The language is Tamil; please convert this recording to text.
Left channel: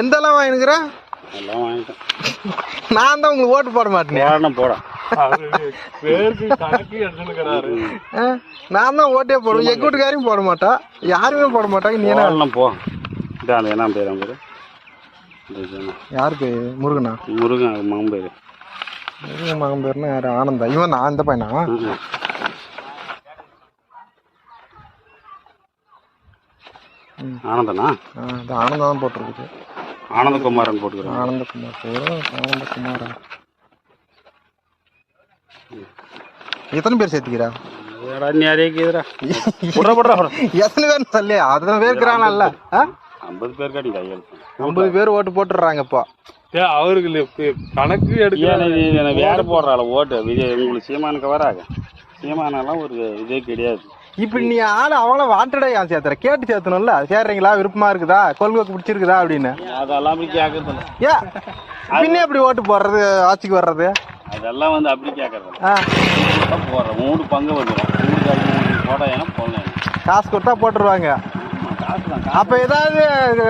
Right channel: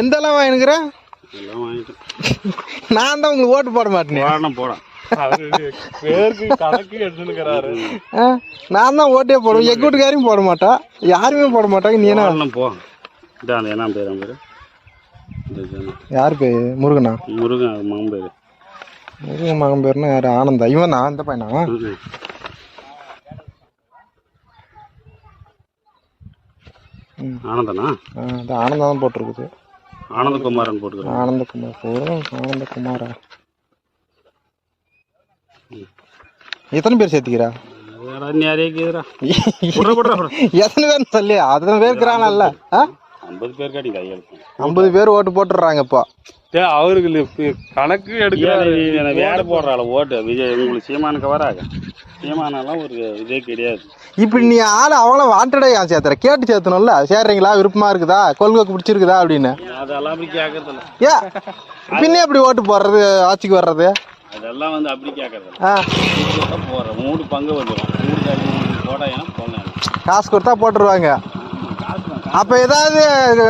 எந்தெல்லாம் வாங்கினுக்குறோம்? எல்லாம் வாங்கிட்டேன். நான் தான் உங்களுக்கு ஓட்டு போட மாட்டேன். போறேன். நான் தான் ஓட்டே போடுவேன். எங்க வீட்டுக்காரையும் போட மாட்டா, யாருமே போட மாட்டாங்க. நீ என்ன போ என்ன பேர்? யாரு பேரு? முருகனா? முருகன் மகன் பேரு. முருகன் மகன் பேருன்னா யாரு? ஆனந்தா? இவன் தான் அந்த பையனா? ஆனந்தனா? ஆனந்தா தான் போட்டிருக்குது. ஆனந்தகுமாரன் போட்டுக்கிறேன். ஆனந்தகுமார் போடும். ஆனந்தகுமாரா? எத்தனை பேர் சேர்த்துக்கிறா? எத்தனை பேர் சொல்லி அத்தனை பேர் இருக்கிறானல்ல? 50 பேர் காட்டி கையெழுத்து. 50 பேர் ஓட்டு போட்டுடுறாங்க இப்போ. அவருக்கு கணக்கு எடுக்க வேலை போடுறாள் ஓட்டு. விஜய் உங்களுக்கு சீமானுக்கு வராங்க. சீமானெல்லாம் ஒரு இதே கிடையாது. இப்படி நீ ஆளு அவ்வளோ வாண்டடா ஏன் சேர்த்துற? கேட்டு சேர்த்தணும்ல. சேர்றீங்களா, விருப்பமா இருக்குதா, கொள்கை பிடிச்சிருக்குதா அப்படின்னு. அதெல்லாம் அப்படி கேட்கறதில்ல. ஏன் பின்னே அப்படி ஓட்டு போடுறது, ஆட்சிக்கு வர்றது? அதெல்லாம் வந்து அப்படி கேட்கறதில்ல. போடுறேன் 3 பங்கு வந்துடும். 3 காய்க்கு 3 போட ஏன்னா போடணும். காசு கொடுத்தா போட்டுருவாங்க. காசு தான். அப்ப ஏதாவது